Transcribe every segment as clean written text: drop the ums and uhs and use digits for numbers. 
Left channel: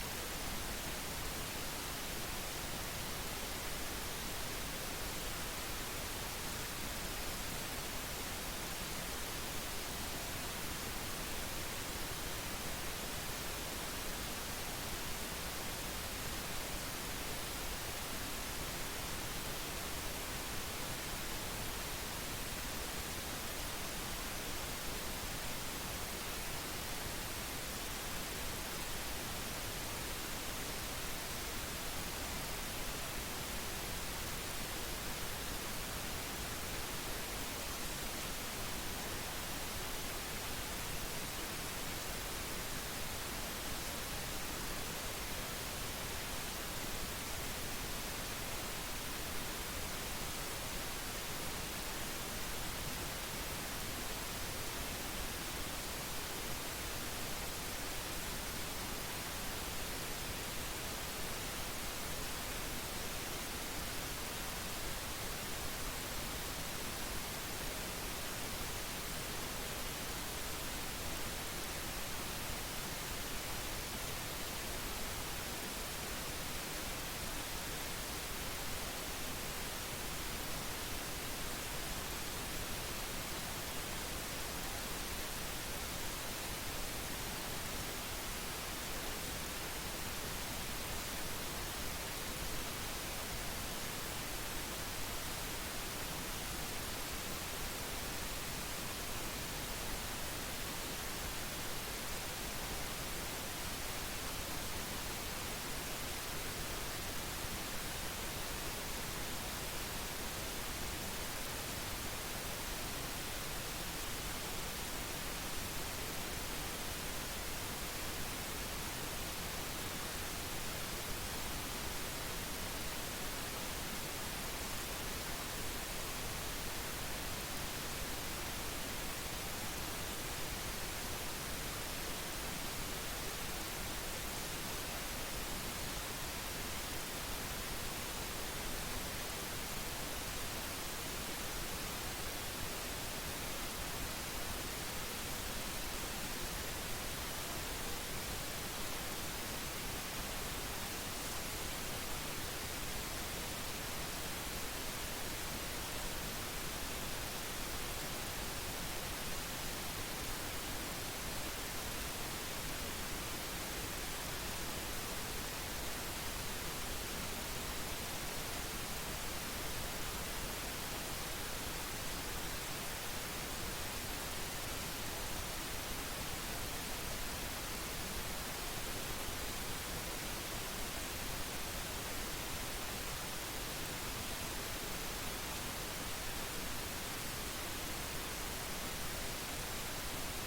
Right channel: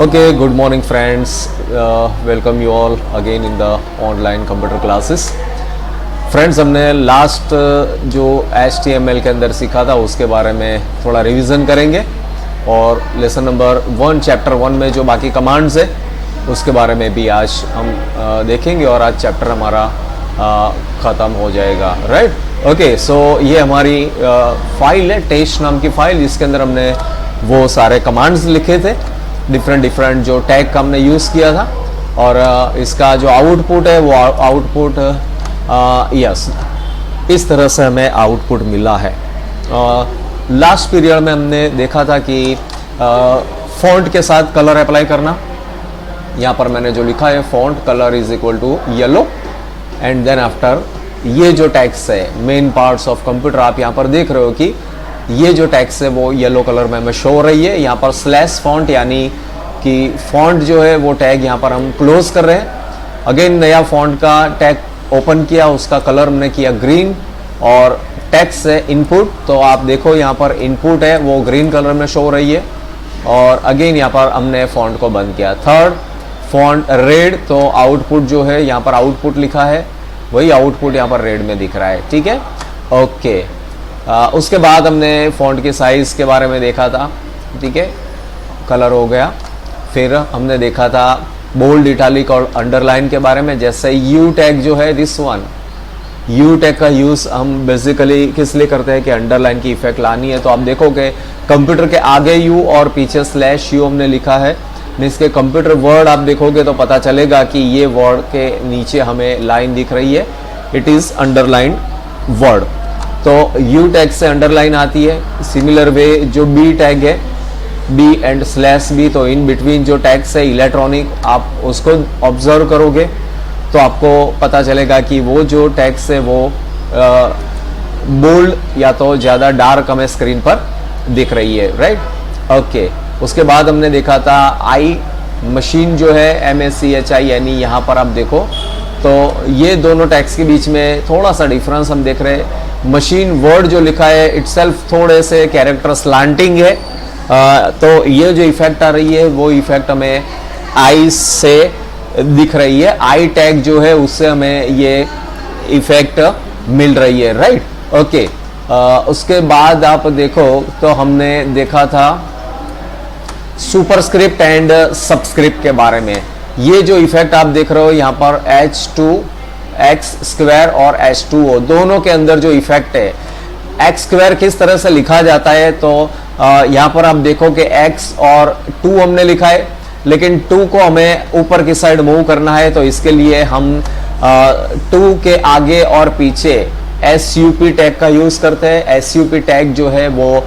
Okay, good morning friends. Welcome you all again in the online computer classes. Friends हमने last जो HTML के अंदर सीखा था उसके बारे में थोड़ा रिवीजन करेंगे और लेसन नंबर 1 चैप्टर 1 में जो बाकी कमांड्स है उसके बारे में भी आज हम देखेंगे और आज चैप्टर हमारा ख़त्म हो जाएगा, राइट। ओके, सो ये हमारी फाइल है, टेस्ट नाम की फाइल, जिसके अंदर हमने वो सारे कमांड्स लिखे थे, डिफरेंट जो टैग का हमने यूज़ किया था और इसका जो आउटपुट है वो आउटपुट यस इस तरह से हमें आउटपुट मिला है। लास्ट पीरियड में हमने देखा था कि फॉन्ट के साथ कलर अप्लाई करना। यहाँ पर मैंने जो लिखा है font colour is equal to yellow and then after ये जो टैग्स है मेन पार्ट्स ऑफ कंप्यूटर, आप यहाँ पर देख रहे हो कि ये जो टैग्स है वो येलो कलर में हमें शो हो रही है। यहाँ पर स्लैश फॉन्ट यानी कि फॉन्ट जो है वो टैग यहाँ पर हम क्लोज कर रहे हैं। अगेन नया फॉन्ट का टैग ओपन किया, उसका कलर हमने किया ग्रीन और टेक्स्ट है इनपुट, तो आप देखो यहाँ पर इनपुट है वो ग्रीन कलर में शो हो रही है और अगेन यहाँ पर हमने फॉन्ट को बंद किया। थर्ड फॉन्ट रेड, तो आउटपुट जो है यहाँ पर आउटपुट लिखा है वही आउटपुट यहाँ पर रेड में दिख रहा है, ठीक है। ओके, उसके बाद हमने फॉन्ट के साइज के बारे में देखा था, ठीक है, कलर हो गया। फिर हमने देखा था बोल्ड, इटालिक और अंडरलाइन के बारे में। जैसे यू टैग जो है दिस वन, यू टैग का यूज़ हम बेसिकली किस लिए करते हैं कि अंडरलाइन की इफेक्ट लानी है। तो आप देखोगे कंप्यूटर के आगे यू और पीछे स्लैश यू हमने लिखा है। इसके कंप्यूटर वर्ड आप देखोगे तो पता चलेगा कि ये वर्ड के नीचे हमें लाइन दिख रही है, इट इज़ अंडरलाइन वर्ड। तो यू टैग से अंडरलाइन आती है। सिमिलर वे जो बी टैग है, बी एंड स्लैश बी, तो इन बिटवीन जो टैग्स है इलेक्ट्रॉनिक, आप उसको ऑब्जर्व करोगे तो आपको पता चलेगा कि वो जो टैग्स है वो बोल्ड या तो ज़्यादा डार्क हमें स्क्रीन पर दिख रही है, राइट। ओके, उसके बाद हमने देखा था आई मशीन जो है MACHI, यानी यहाँ पर आप देखो तो ये दोनों टैग्स के बीच में थोड़ा सा डिफरेंस हम देख रहे हैं। मशीन वर्ड जो लिखा है इटसेल्फ थोड़े से कैरेक्टर स्लांटिंग है, तो ये जो इफेक्ट आ रही है वो इफेक्ट हमें आई से दिख रही है। आई टैग जो है उससे हमें ये इफेक्ट मिल रही है, राइट। ओके, उसके बाद आप देखो तो हमने देखा था सुपरस्क्रिप्ट एंड सबस्क्रिप्ट के बारे में। ये जो इफेक्ट आप देख रहे हो यहाँ पर H2X² और H2O दोनों के अंदर जो इफेक्ट है, X² किस तरह से लिखा जाता है, तो यहाँ पर आप देखो कि X और 2 हमने लिखा है, लेकिन 2 को हमें ऊपर की साइड मूव करना है, तो इसके लिए हम 2 के आगे और पीछे SUP टैग का यूज करते हैं। SUP टैग जो है वो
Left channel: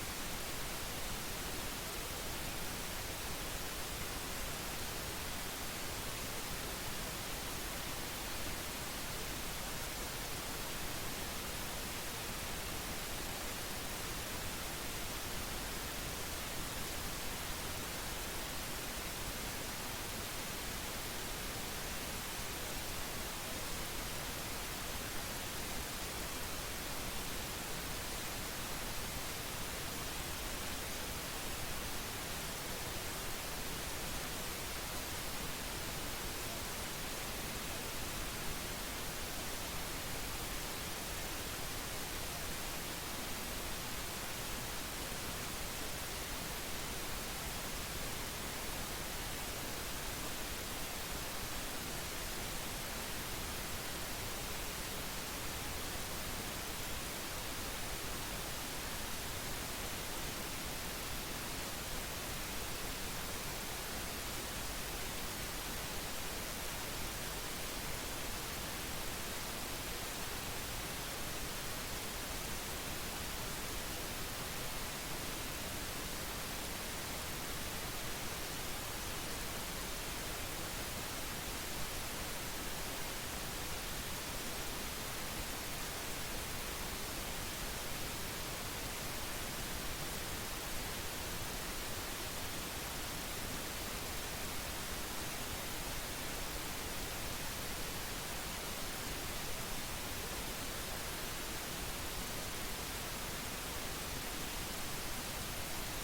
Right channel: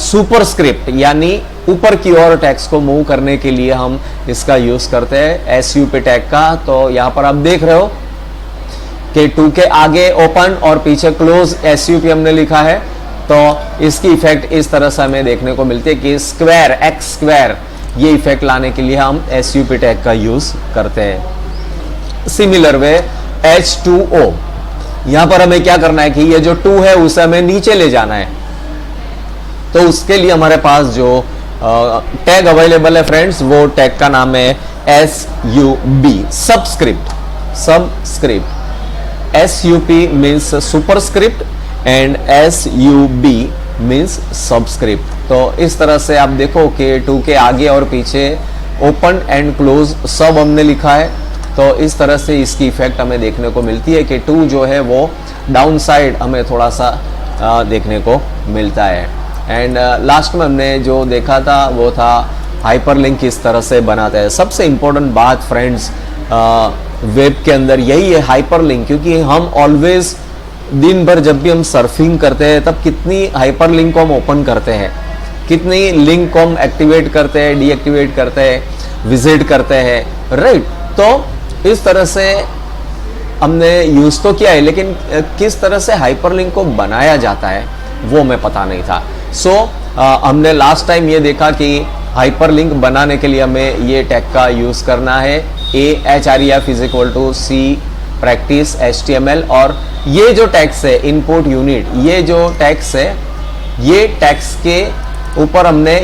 सुपरस्क्रिप्ट यानी ऊपर की ओर टैग्स को मूव करने के लिए हम इसका यूज करते हैं SUP टैग का। तो यहाँ पर आप देख रहे हो कि 2 के आगे ओपन और पीछे क्लोज SUP हमने लिखा है, तो इसकी इफेक्ट इस तरह से हमें देखने को मिलती है कि स्क्वायर X² ये इफेक्ट लाने के लिए हम SUP टैग का यूज करते हैं। सिमिलर वे H2O, यहाँ पर हमें क्या करना है कि ये जो 2 है उसे हमें नीचे ले जाना है, तो उसके लिए हमारे पास जो टैग अवेलेबल है फ्रेंड्स, वो टैग का नाम है SUB, subscript. SUP means superscript and SUB means subscript. तो इस तरह से आप देखो कि 2 के आगे और पीछे ओपन एंड क्लोज सब हमने लिखा है, तो इस तरह से इसकी इफेक्ट हमें देखने को मिलती है कि 2 जो है वो डाउन साइड हमें थोड़ा सा देखने को मिलता है। एंड लास्ट में हमने जो देखा था वो था हाइपरलिंक किस तरह से बनाते हैं। सबसे इम्पोर्टेंट बात फ्रेंड्स वेब के अंदर यही है, हाइपरलिंक, क्योंकि हम ऑलवेज दिन भर जब भी हम सर्फिंग करते हैं तब कितनी हाइपरलिंक को हम ओपन करते हैं, कितनी लिंक को हम एक्टिवेट करते हैं, डीएक्टिवेट करते हैं, विजिट करते हैं, राइट। तो इस तरह से हमने यूज तो किया है, लेकिन किस तरह से हाइपरलिंक को बनाया जाता है वो हमें पता नहीं था। सो हमने लास्ट टाइम ये देखा कि हाइपरलिंक बनाने के लिए हमें ये टैग का यूज करना है AHREF = C प्रैक्टिस HTML, और ये जो टैग्स है इनपुट यूनिट, ये जो टैग्स है ये टैग्स के ऊपर हमने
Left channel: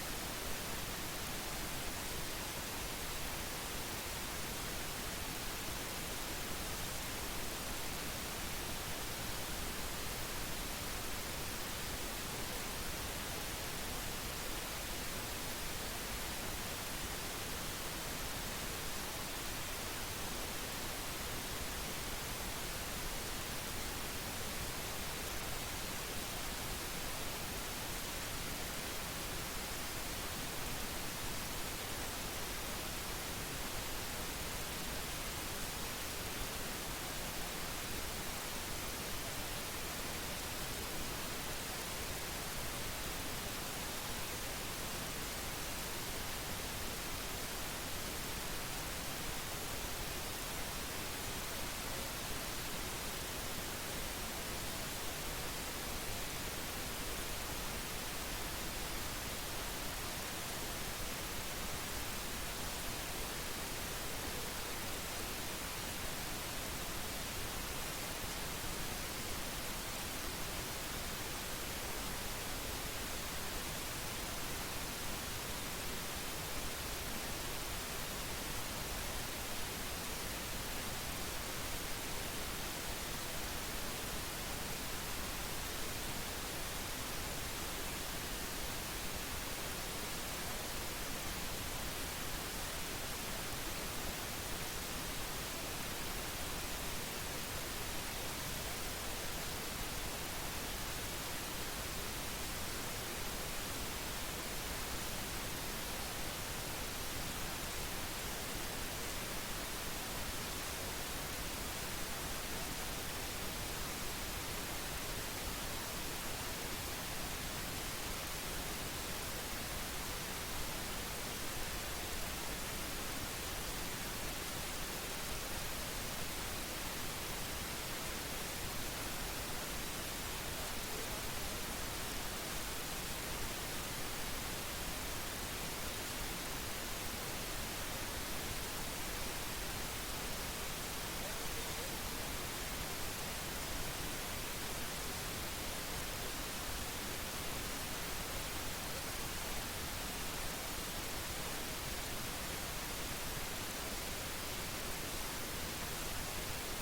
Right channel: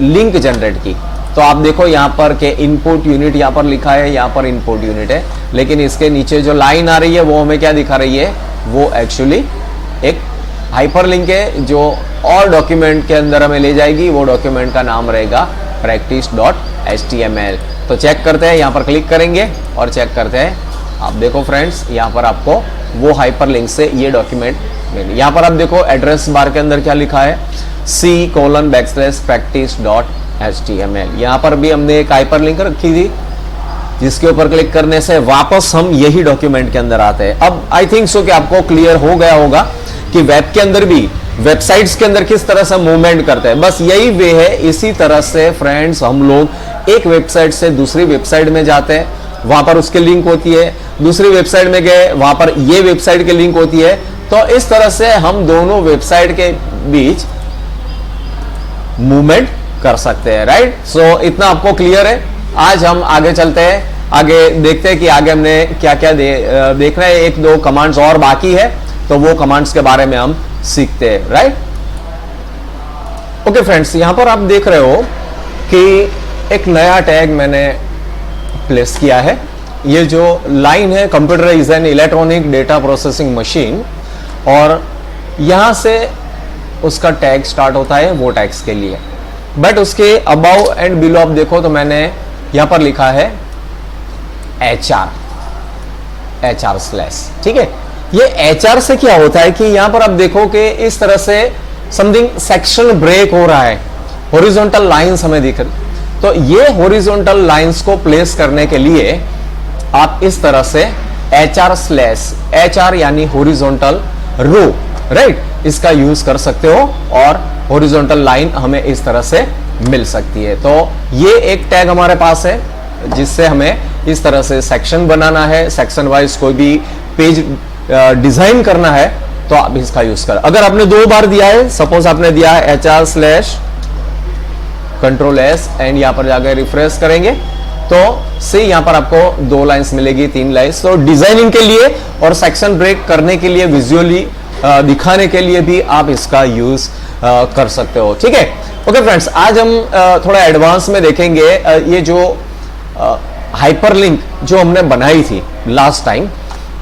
लिंक जनरेट की। तो आप देखो यहाँ पर के इनपुट यूनिट यहाँ पर लिखा है, यहाँ पर इनपुट यूनिट है, लेकिन इसके नीचे जो लाइन आ रही है वो हमें क्या दिखा रही है, वो एक्चुअली एक हाइपरलिंक है जो और डॉक्यूमेंट के अंदर हमें ले जाएगी। वो डॉक्यूमेंट का नाम रहेगा practice.html। तो चेक करते हैं, यहाँ पर क्लिक करेंगे और चेक करते हैं। आप देखो फ्रेंड्स, यहाँ पर आपको वो हाइपरलिंक से ये डॉक्यूमेंट मिले। यहाँ पर आप देखो एड्रेस बार के अंदर क्या लिखा है, c:\practice.html। यहाँ पर भी हमने एक हाइपरलिंक रखी थी जिसके ऊपर क्लिक करने से वापस हम यही डॉक्यूमेंट के अंदर आते हैं। अब आई थिंक सो कि आपको क्लियर हो गया होगा कि वेब के अंदर भी, वेबसाइट्स के अंदर किस तरह से मूवमेंट करते हैं। बस यही वे है। इसी तरह से फ्रेंड्स हम लोग एक वेबसाइट से दूसरी वेबसाइट में जाते हैं, वहां पर उसके लिंक होती है, दूसरी वेबसाइट में गए वहां पर ये वेबसाइट की लिंक होती है। तो इस तरह से हम दोनों वेबसाइट के बीच मूवमेंट कर सकते हैं, राइट। सो इतना आपको क्लियर है। आज हम आगे चलते हैं, आगे देखते हैं कि आगे हमने क्या क्या देख रहे हैं। एक दो कमांड्स और बाकी है, तो वो कमांड्स के बारे में हम सीखते हैं, राइट। ओके फ्रेंड्स, यहां पर आप देख रहे हो कि एक नया टैग मैंने प्लेस किया है। ये जो लाइन है, computer is an electronic data processing machine, और यहां से उसका टैग स्टार्ट होता है वो टैग्स के लिए। बट उसके अबाउ एंड बिलो आप देखो तो मैंने यहां पर लिखा है HR स्लैश, ठीक है। ये HR से क्या होता है कि यहां पर आप देखो कि इस तरह से समथिंग सेक्शन ब्रेक हो रहा है, हॉरिजॉन्टल लाइंस हमें दिख रही। तो ये हॉरिजॉन्टल लाइंस को प्लेस करने के लिए आप इस तरह से HR स्लैश, HR यानी हॉरिजॉन्टल रो, राइट, इसका यूज कर सकते हो और हॉरिजॉन्टल लाइन हमें इस तरह से मिल सकती है। तो ये एक टैग हमारे पास है जिससे हमें इस तरह से सेक्शन बनाना है, सेक्शन वाइज कोई भी पेज डिजाइन करना है तो आप इसका यूज कर। अगर आपने 2 बार दिया है, सपोज आपने दिया है HR स्लैश Ctrl+S एंड यहां पर जाकर रिफ्रेश करेंगे तो से यहां पर आपको 2 लाइंस मिलेगी, 3 लाइंस। तो डिजाइनिंग के लिए और सेक्शन ब्रेक करने के लिए, विजुअली दिखाने के लिए भी आप इसका यूज कर सकते हो, ठीक है। ओके फ्रेंड्स, आज हम थोड़ा एडवांस में देखेंगे ये जो हाइपरलिंक जो हमने बनाई थी लास्ट टाइम,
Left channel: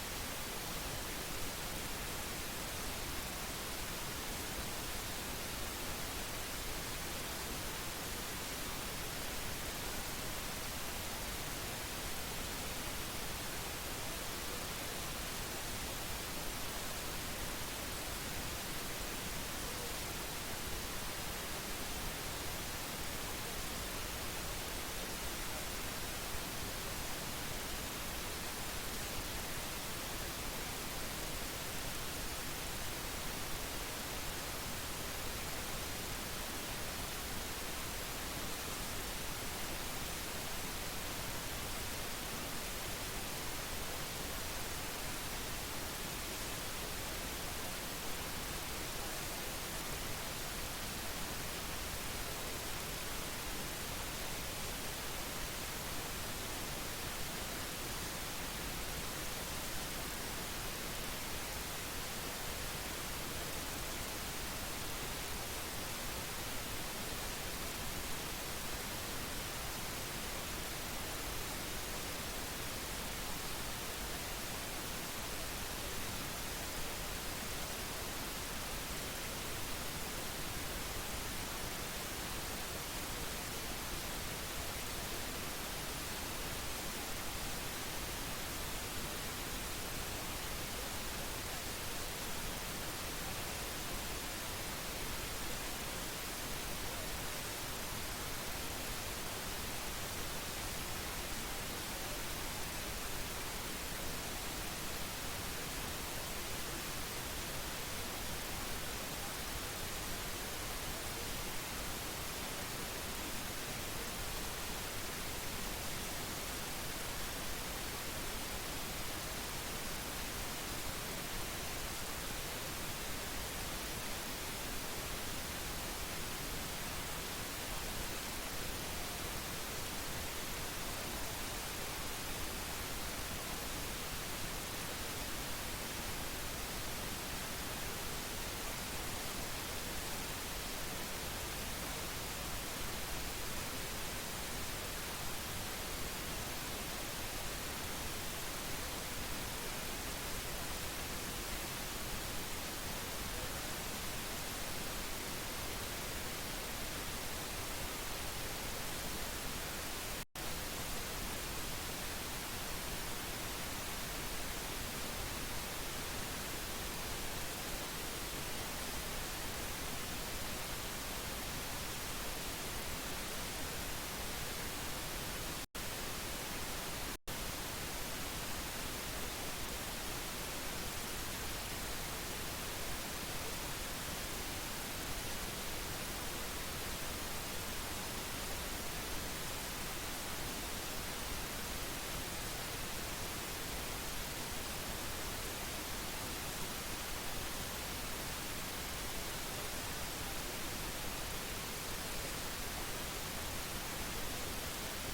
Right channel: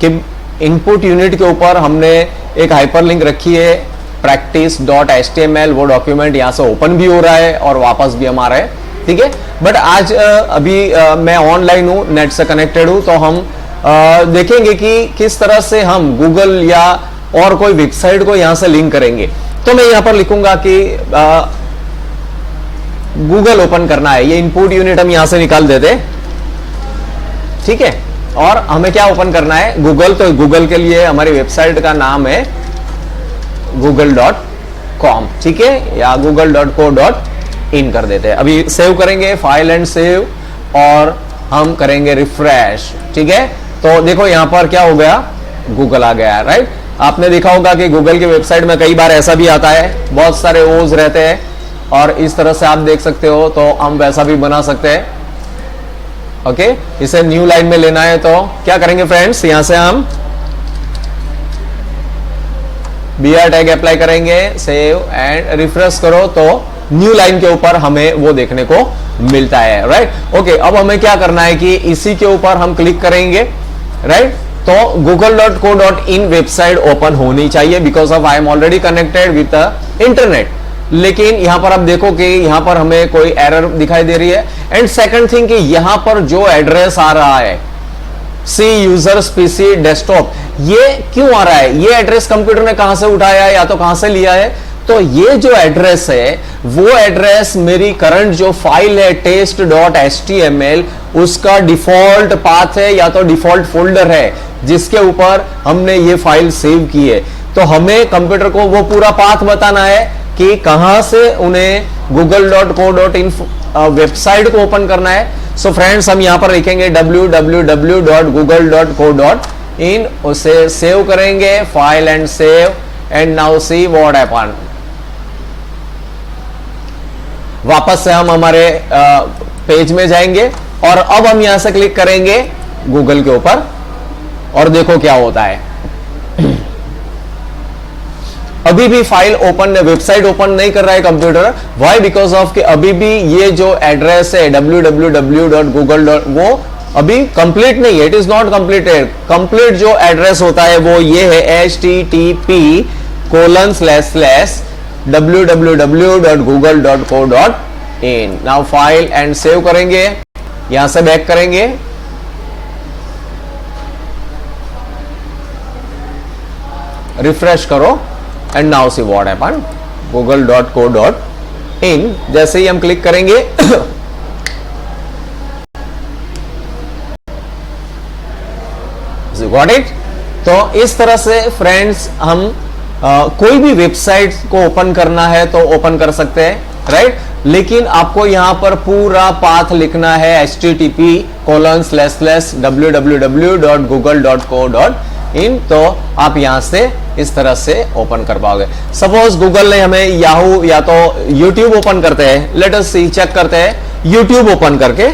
कि इनपुट यूनिट के ऊपर हमने एक हाइपरलिंक रखी है practice.html। वो डॉक्यूमेंट यहां से ओपन भी हो रहा है और वापस भी हम आ रहे हैं, ठीक है। बट आज अभी मैं ऑनलाइन हूं, नेट से कनेक्टेड हूं, तो हम देखेंगे कि किस तरह से हम गूगल या और कोई वेबसाइट को यहां से लिंक करेंगे। तो मैं यहां पर लिखूंगा कि गूगल ओपन करना है। ये इनपुट यूनिट हम यहां से निकाल देते, ठीक है। और हमें क्या ओपन करना है, गूगल। तो गूगल के लिए हमारी वेबसाइट का नाम है google.com, ठीक है, या google.co.in कर देते हैं। अभी सेव करेंगे, फाइल एंड सेव, और हम करेंगे रिफ्रेश, ठीक है। तो देखो यहां पर क्या हो गया, गूगल आ गया, राइट। आपने देखा होगा कि गूगल की वेबसाइट में कई बार ऐसा भी आता है, बहुत सारे ओज रहते हैं, और इस तरह से आप देख सकते हो। तो हम वैसा भी बना सकते हैं, ओके। इसे न्यू लाइन में लेना है तो क्या करेंगे फ्रेंड्स, यहां से हम BR टैग अप्लाई करेंगे, सेव एंड रिफ्रेश करो, तो न्यू लाइन के ऊपर हमें वो देखने को मिलता है, राइट। ओके, अब हमें क्या करना है कि इसी के ऊपर हम क्लिक करेंगे, राइट। तो google.co.in वेबसाइट ओपन होनी चाहिए, because of I am already connected with internet. लेकिन यहां पर आप देखो कि यहां पर हमें कोई एरर दिखाई दे रही है। एंड सेकंड थिंग कि यहां पर जो एड्रेस आ रहा है सी यूजर्स पीसी डेस्कटॉप, ये क्यों आ रहा है, ये एड्रेस कंप्यूटर ने कहां से उठाया है या तो कहां से लिया है। तो ये जो एड्रेस है वो एड्रेस मेरी करंट जो फाइल है test.html उसका डिफॉल्ट पाथ है या तो डिफॉल्ट फोल्डर है जिसके ऊपर हमने ये फाइल सेव की है। तो हमें कंप्यूटर को वो पूरा पाथ बताना है कि कहां से उन्हें google.co.in वेबसाइट को ओपन करना है। सो फ्रेंड्स, हम यहां पर लिखेंगे www.google.co.in, उसे सेव करेंगे, file and save, and now see what happened. वापस से हम हमारे पेज में जाएंगे और अब हम यहां से क्लिक करेंगे गूगल के ऊपर और देखो क्या होता है। अभी भी फाइल ओपन, वेबसाइट ओपन नहीं कर रहा है कंप्यूटर। वाई? बिकॉज ऑफ कि अभी भी ये जो एड्रेस है www.google. वो अभी कंप्लीट नहीं है, it is not completed. Complete जो एड्रेस होता है वो ये है http://www.google.co.in। Now file and save करेंगे, यहां से बैक करेंगे, रिफ्रेश करो and now see what happen, google.co.in। जैसे ही हम क्लिक करेंगे गॉट इट। तो इस तरह से फ्रेंड्स हम कोई भी वेबसाइट को ओपन करना है तो ओपन कर सकते हैं, राइट। लेकिन आपको यहां पर पूरा पाथ लिखना है http://www.google.co.in। तो आप यहां से इस तरह से ओपन कर पाओगे। सपोज गूगल ने हमें याहू या तो यूट्यूब ओपन करते हैं, लेट अस सी, चेक करते हैं यूट्यूब ओपन करके,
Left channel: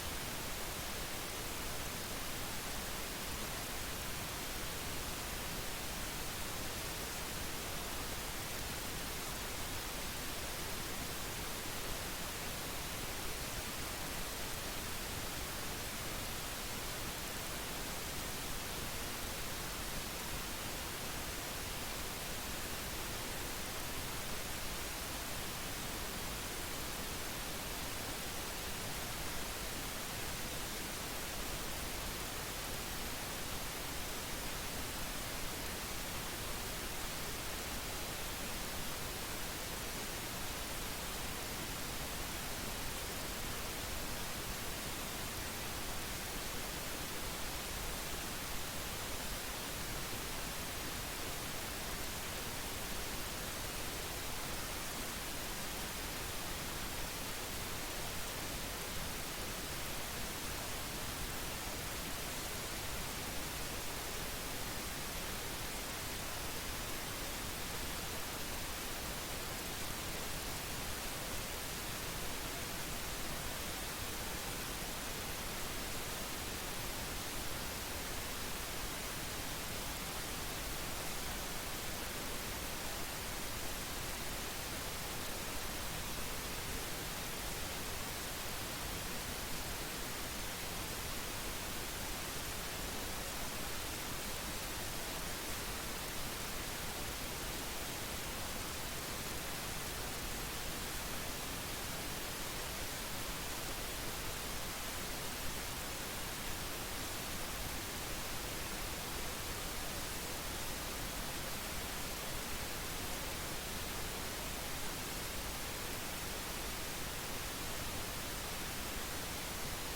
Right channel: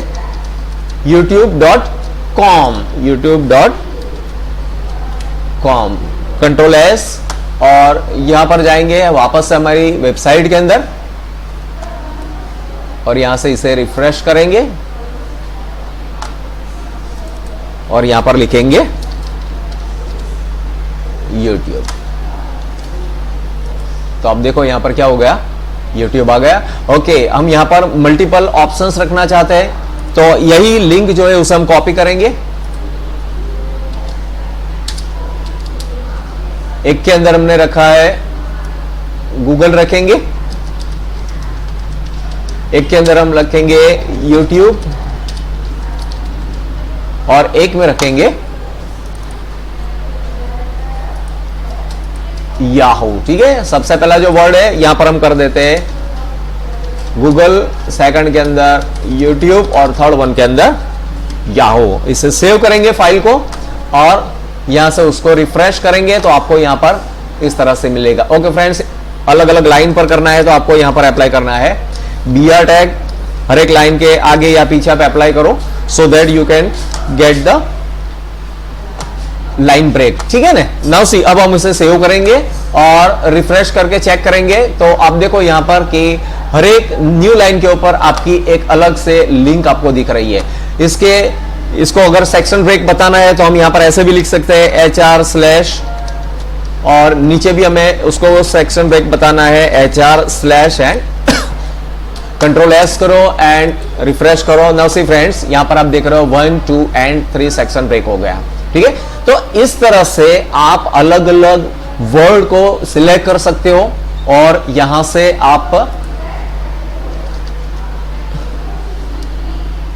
youtube.com, कंट्रोल एस, और यहां पर जाएंगे वापस से हमारी वेबसाइट के अंदर, और यहां से इसे रिफ्रेश करेंगे और यहां पर लिखेंगे YouTube। तो अब देखो यहां पर क्या हो गया, YouTube आ गया। ओके, हम यहां पर मल्टीपल ऑप्शंस रखना चाहते हैं, तो यही लिंक जो है उसे हम कॉपी करेंगे। एक के अंदर हमने रखा है गूगल रखेंगे, एक के अंदर हम रखेंगे YouTube, और एक में रखेंगे याहू। ठीक है, सबसे पहला जो वर्ड है यहां पर हम कर देते हैं गूगल, सेकंड के अंदर यूट्यूब, और थर्ड वन के अंदर याहू। इसे सेव करेंगे फाइल को, और यहां से उसको रिफ्रेश करेंगे तो आपको यहां पर इस तरह से मिलेगा। ओके फ्रेंड्स, अलग अलग लाइन पर करना है तो आपको यहां पर अप्लाई करना है BR टैग, हर एक लाइन के आगे या पीछे पे अप्लाई करो, so that you can get the line break. ठीक है ना। नाउ सी, अब हम इसे सेव करेंगे और रिफ्रेश करके चेक करेंगे तो आप देखो यहां पर कि हर एक न्यू लाइन के ऊपर आपकी एक अलग से लिंक आपको दिख रही है। इसको अगर सेक्शन ब्रेक बताना है तो हम यहां पर ऐसे भी लिख सकते हैं HR/, और नीचे भी हमें उसको सेक्शन ब्रेक बताना है HR/ एंड कंट्रोल एस करो एंड रिफ्रेश करो। नाउ सी फ्रेंड्स, यहां पर आप देख रहे हो 1, 2 एंड 3 सेक्शन ब्रेक हो गया। ठीक है, तो इस तरह से आप अलग अलग वर्ड को सिलेक्ट कर सकते हो और यहां से आप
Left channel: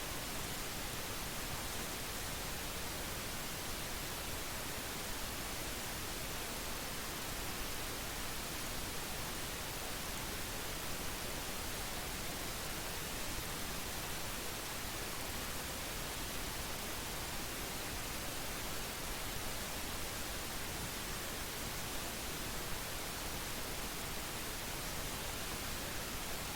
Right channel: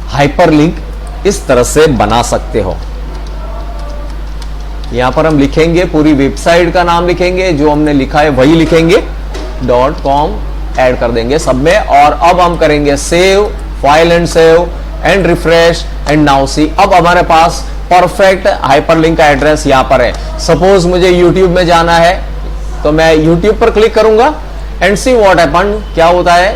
हाइपरलिंक इस तरह से बना सकते हो। यहां पर हम लिखेंगे, पूरी वेबसाइट का नाम लिखेंगे, जो हमने लिखा है वही लिखेंगे, .com ऐड कर देंगे सब में, और अब हम करेंगे save, file and save and refresh and now see. अब हमारे पास परफेक्ट हाइपरलिंक का एड्रेस यहां पर है। सपोज मुझे YouTube में जाना है तो मैं YouTube पर क्लिक करूंगा एंड सी व्हाट हैपन, क्या होता है।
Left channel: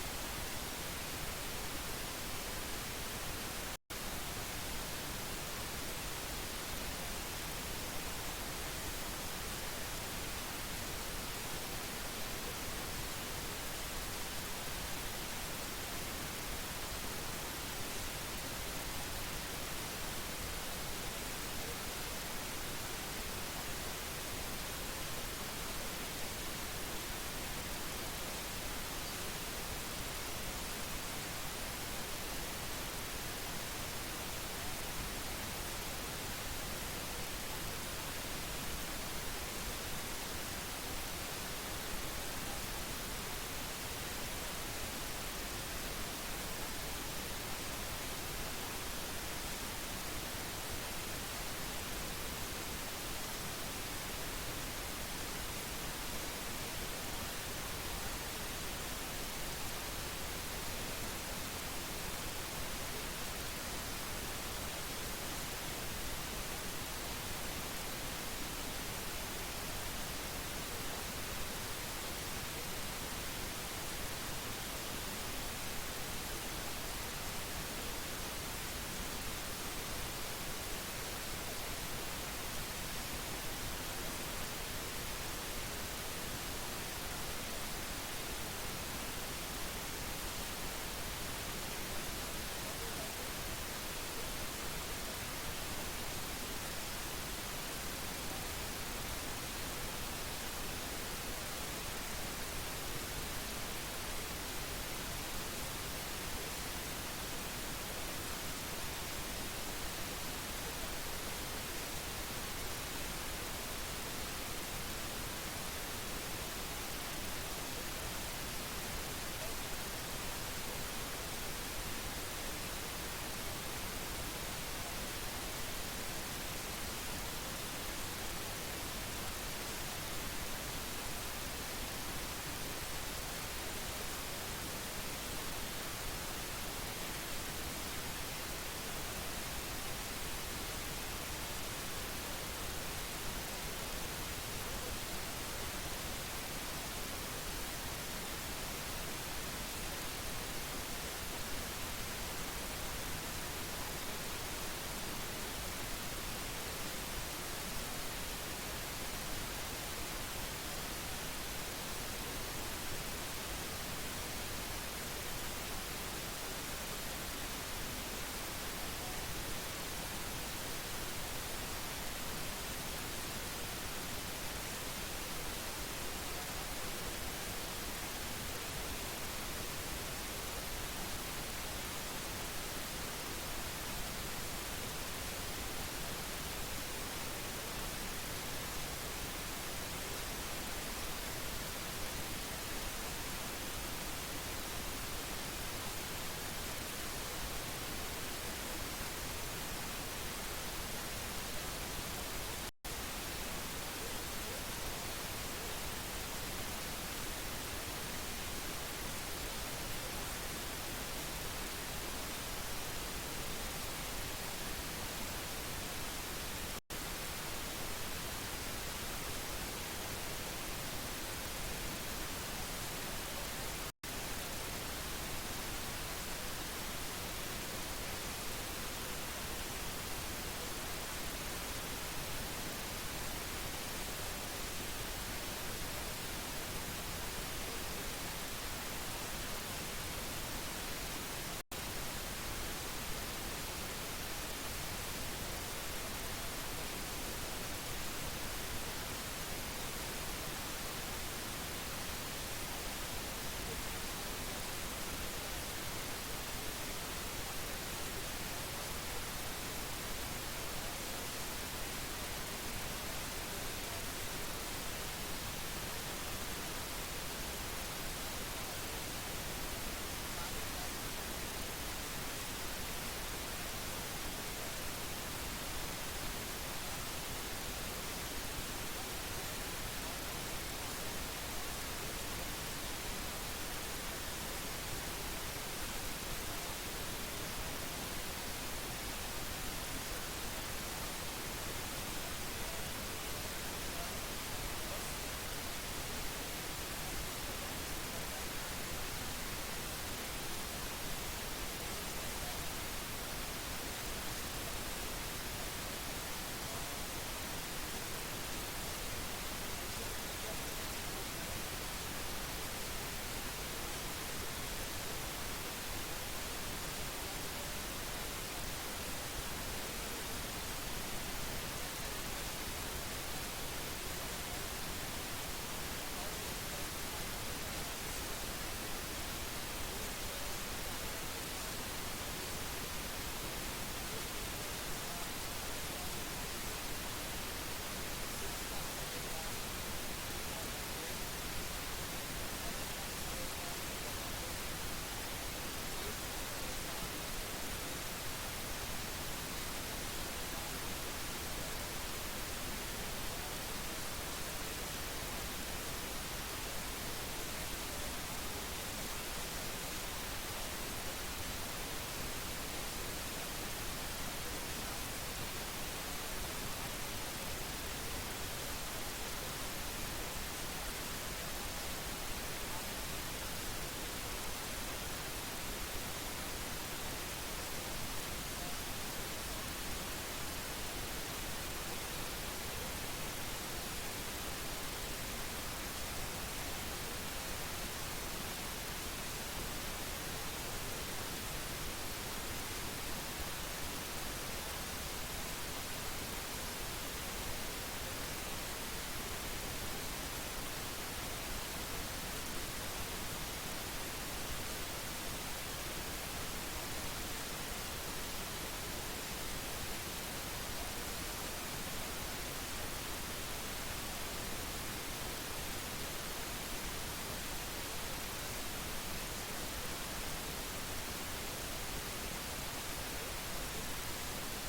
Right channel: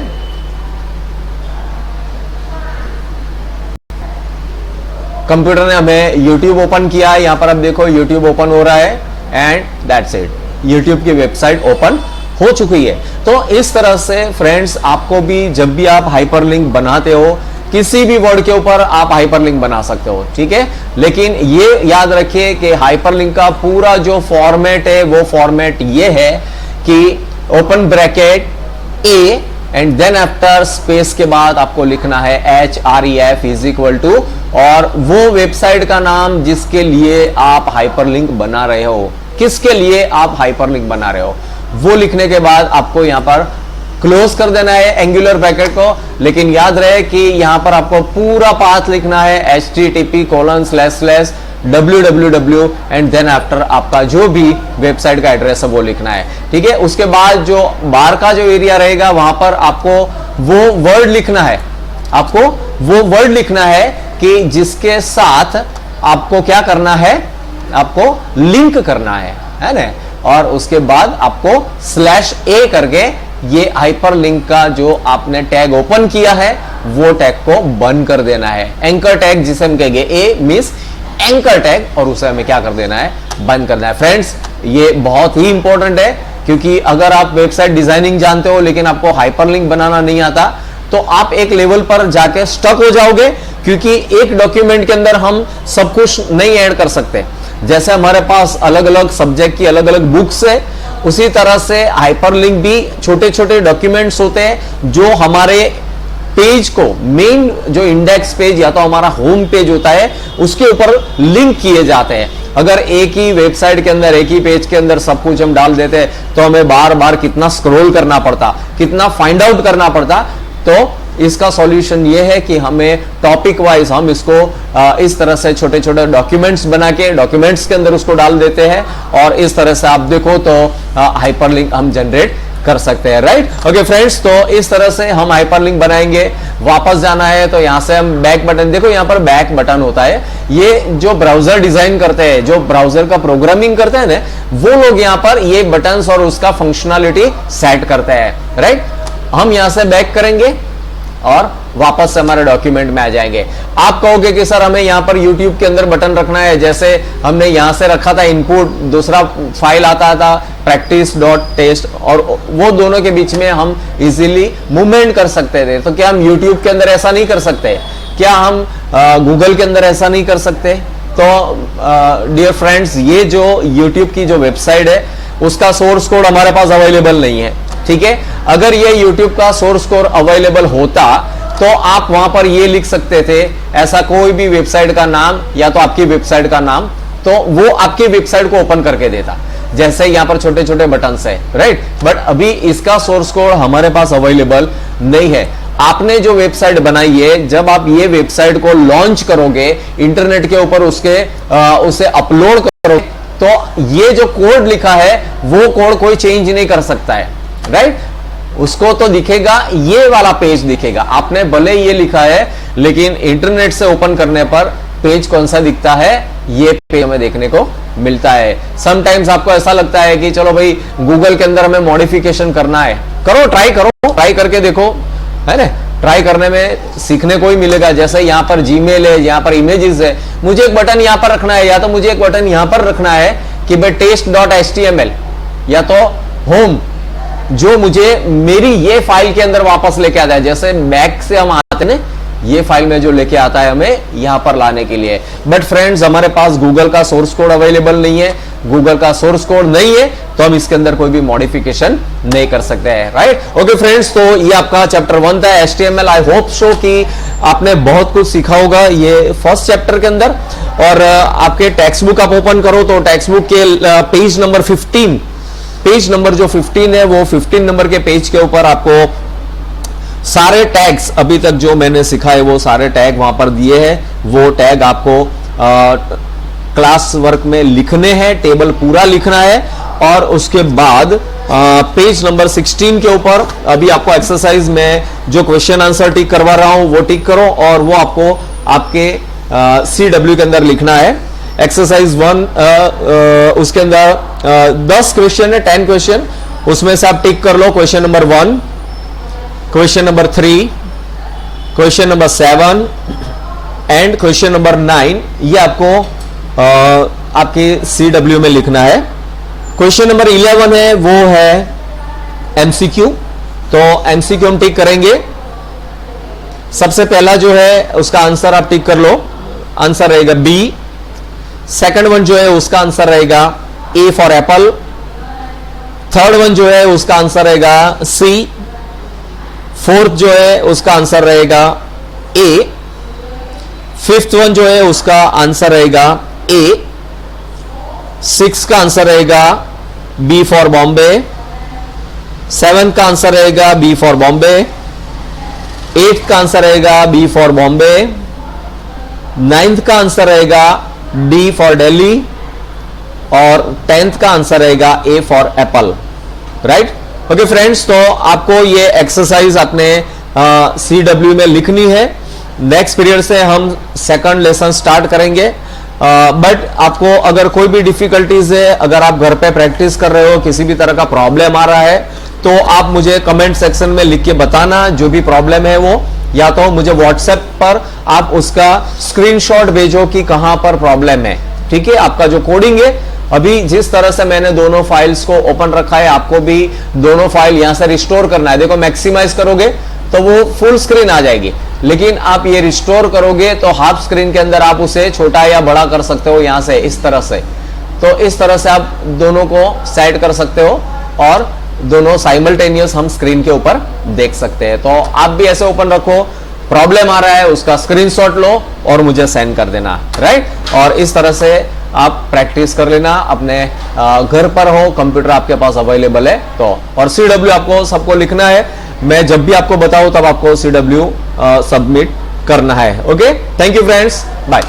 कंप्यूटर ने हमें YouTube ओपन किया है, यहां पर अब देखो YouTube ओपन हो रहा है एंड दैट्स इट, YouTube की वेबसाइट ओपन हो चुकी है। तो इस तरह से फ्रेंड्स, आपको भी जब भी आप हाइपरलिंक बनाते हो, किसी भी वर्ड के ऊपर आप हाइपरलिंक बना सकते हो। ठीक है, लेकिन ये याद रखिए कि हाइपरलिंक का पूरा जो फॉर्मेट है वो फॉर्मेट ये है कि open bracket A and then after space के बाद आपको लिखना है href इज इक्वल टू, और वो वेबसाइट का नाम जिसके लिए आप हाइपरलिंक बना रहे हो, किसके लिए आप हाइपरलिंक बना रहे हो, वो लिखने के बाद आपको यहां पर क्लोज कर देना है एंगुलर ब्रैकेट को। लेकिन याद रहे कि यहां पर आपको पूरा पाथ लिखना है http://www एंड देन आफ्टर आपका जो भी वेबसाइट का एड्रेस है वो लिखना है। ठीक है, उसके बाद जो बाहर का जो एरिया रहेगा वहां पर आपको वो वर्ड लिखना है, आपको वो वर्ड लिखना है कि जिसके साथ आपको क्या करना है, आपको लिंक करना है ना। और उसके बाद आपको /a करके ये हाइपरलिंक का जो आपने टैग ओपन किया है वो टैग को बंद कर देना है। एंकर टैग जिसे हम कहेंगे, ए मींस एंकर टैग, और उसे हमें क्या कर देना है, बंद करना है। फ्रेंड्स, ये बहुत ही इंपॉर्टेंट है क्योंकि अगर आप वेबसाइट डिजाइनिंग जानते हो लेकिन आपको हाइपरलिंक बनाना नहीं आता तो आप एक लेवल पर जाके स्टक हो जाओगे, क्योंकि एक डॉक्यूमेंट के अंदर हम सब कुछ नहीं ऐड कर सकते। जैसे हमारे पास अलग अलग सब्जेक्ट की अलग अलग बुक्स है, उसी तरह से हाइपरलिंक भी छोटे छोटे डॉक्यूमेंट्स होते हैं जो हमारे पेज को, मेन जो इंडेक्स पेज या तो हमारा होम पेज होता है, उसके ऊपर लिंक किए जाते हैं। अगर एक ही वेबसाइट के अंदर, एक ही पेज के अंदर सब कुछ हम डाल देते तो हमें बार बार कितना स्क्रॉल करना पड़ता, कितना फाइंड आउट करना पड़ता। तो इसका सॉल्यूशन ये है कि हमें टॉपिक वाइज हम इसको इस तरह से छोटे छोटे डॉक्यूमेंट्स बना के डॉक्यूमेंट्स के अंदर उसको डाल देते हैं, और इस तरह से आप देखो तो हाइपरलिंक हम जनरेट कर सकते हैं, राइट। ओके फ्रेंड्स, तो इस तरह से हम हाइपरलिंक बनाएंगे। वापस जाना है तो यहां से हम बैक बटन, देखो यहां पर बैक बटन होता है। ये जो ब्राउजर डिजाइन करते हैं, जो ब्राउजर का प्रोग्रामिंग करते हैं ना, वो लोग यहां पर ये बटन्स और उसका फंक्शनलिटी सेट करते हैं, राइट। हम यहां से बैक करेंगे और वापस से हमारे डॉक्यूमेंट में आ जाएंगे। आप कहोगे कि सर हमें यहां पर YouTube के अंदर बटन रखना है, जैसे हमने यहां से रखा था इनपुट, दूसरा फाइल आता था practice.test, और वो दोनों के बीच में हम इजीली मूवमेंट कर सकते थे। तो क्या हम YouTube के अंदर ऐसा नहीं कर सकते? क्या हम गूगल के अंदर ऐसा नहीं कर सकते? तो डियर फ्रेंड्स, ये जो YouTube की जो वेबसाइट है उसका सोर्स कोड हमारे पास अवेलेबल नहीं है, ठीक है। अगर ये YouTube का सोर्स कोड अवेलेबल होता तो आप वहां पर ये लिख सकते थे, ऐसा कोई भी वेबसाइट का नाम या तो आपकी वेबसाइट का नाम, तो वो आपकी वेबसाइट को ओपन करके देता, जैसे यहां पर छोटे छोटे बटन है, राइट। बट अभी इसका सोर्स कोड हमारे पास अवेलेबल नहीं है। आपने जो वेबसाइट बनाई है, जब आप ये वेबसाइट को लॉन्च करोगे इंटरनेट के ऊपर, उसे अपलोड करोगे, तो ये जो कोड लिखा है वो कोड कोई चेंज नहीं कर सकता है, राइट। उसको तो दिखेगा, ये वाला पेज दिखेगा। आपने भले ये लिखा है लेकिन इंटरनेट से ओपन करने पर पेज कौन सा दिखता है, ये पेज हमें देखने को मिलता है। समटाइम्स आपको ऐसा लगता है कि चलो भाई गूगल के अंदर हमें मॉडिफिकेशन करना है, ट्राई करके देखो, है ना। ट्राई करने में सीखने को ही मिलेगा। जैसे यहाँ पर जीमेल है, यहाँ पर इमेजेस है, मुझे एक बटन यहाँ पर रखना है, या तो मुझे एक बटन यहाँ पर रखना है कि भाई test.html, या तो होम, जो मुझे मेरी ये फाइल के अंदर वापस लेके आता है। जैसे मैक से हम आते हैं, ये फाइल में जो लेके आता है हमें यहां पर लाने के लिए। बट फ्रेंड्स, हमारे पास गूगल का सोर्स कोड अवेलेबल नहीं है, गूगल का सोर्स कोड नहीं है, तो हम इसके अंदर कोई भी मॉडिफिकेशन नहीं कर सकते हैं, राइट। ओके फ्रेंड्स, तो ये आपका चैप्टर 1 था HTML। आई होप सो कि आपने बहुत कुछ सीखा होगा ये फर्स्ट चैप्टर के अंदर। और आपके टेक्स्ट बुक आप ओपन करो तो टेक्स्ट बुक के पेज नंबर 15, पेज नंबर जो 15 है, वो 15 नंबर के पेज के ऊपर आपको सारे टैग्स अभी तक जो मैंने सिखाए वो सारे टैग वहां पर दिए हैं। वो टैग आपको क्लास वर्क में लिखने हैं, टेबल पूरा लिखना है। और उसके बाद पेज नंबर 16 के ऊपर अभी आपको एक्सरसाइज में जो क्वेश्चन आंसर टिक करवा रहा हूं वो टिक करो, और वो आपको आपके CW के अंदर लिखना है। एक्सरसाइज 1 उसके अंदर 10 क्वेश्चन है, 10 क्वेश्चन, उसमें से आप टिक कर लो question number 1, question number 3, question number 7 and question number 9। ये आपको आपके CW में लिखना है। क्वेश्चन नंबर 11 है, वो है MCQ। तो MCQ हम टिक करेंगे। सबसे पहला जो है उसका आंसर आप टिक कर लो, आंसर रहेगा B। सेकंड वन जो है उसका आंसर रहेगा A for Apple. Third one जो है उसका आंसर रहेगा C। फोर्थ जो है उसका आंसर रहेगा A। फिफ्थ वन जो है उसका आंसर रहेगा A। सिक्स का आंसर रहेगा B फॉर बॉम्बे। सेवेंथ का आंसर रहेगा B फॉर बॉम्बे। एट्थ का आंसर रहेगा B फॉर बॉम्बे। नाइन्थ का आंसर रहेगा D फॉर दिल्ली। और 10th का आंसर रहेगा A for Apple, right. Okay friends, तो आपको ये एक्सरसाइज अपने CW में लिखनी है। नेक्स्ट पीरियड से हम सेकंड लेसन स्टार्ट करेंगे। बट आपको अगर कोई भी डिफिकल्टीज है, अगर आप घर पे प्रैक्टिस कर रहे हो, किसी भी तरह का प्रॉब्लम आ रहा है, तो आप मुझे कमेंट सेक्शन में लिख के बताना जो भी प्रॉब्लम है वो, या तो मुझे व्हाट्सएप पर आप उसका स्क्रीनशॉट भेजो कि कहां पर प्रॉब्लम है, ठीक है। आपका जो कोडिंग है अभी जिस तरह से मैंने दोनों फाइल्स को ओपन रखा है, आपको भी दोनों फाइल यहां से रिस्टोर करना है। देखो मैक्सिमाइज करोगे तो वो फुल स्क्रीन आ जाएगी, लेकिन आप ये रिस्टोर करोगे तो हाफ स्क्रीन के अंदर आप उसे छोटा या बड़ा कर सकते हो यहां से, इस तरह से। तो इस तरह से आप दोनों को सेट कर सकते हो और दोनों साइमल्टेनियस हम स्क्रीन के ऊपर देख सकते हैं। तो आप भी ऐसे ओपन रखो, प्रॉब्लम आ रहा है उसका स्क्रीनशॉट लो और मुझे सेंड कर देना, राइट। और इस तरह से आप प्रैक्टिस कर लेना, अपने घर पर हो, कंप्यूटर आपके पास अवेलेबल है तो। और CW आपको सबको लिखना है, मैं जब भी आपको बताऊं तब आपको CW सबमिट करना है। Okay, thank you friends, bye.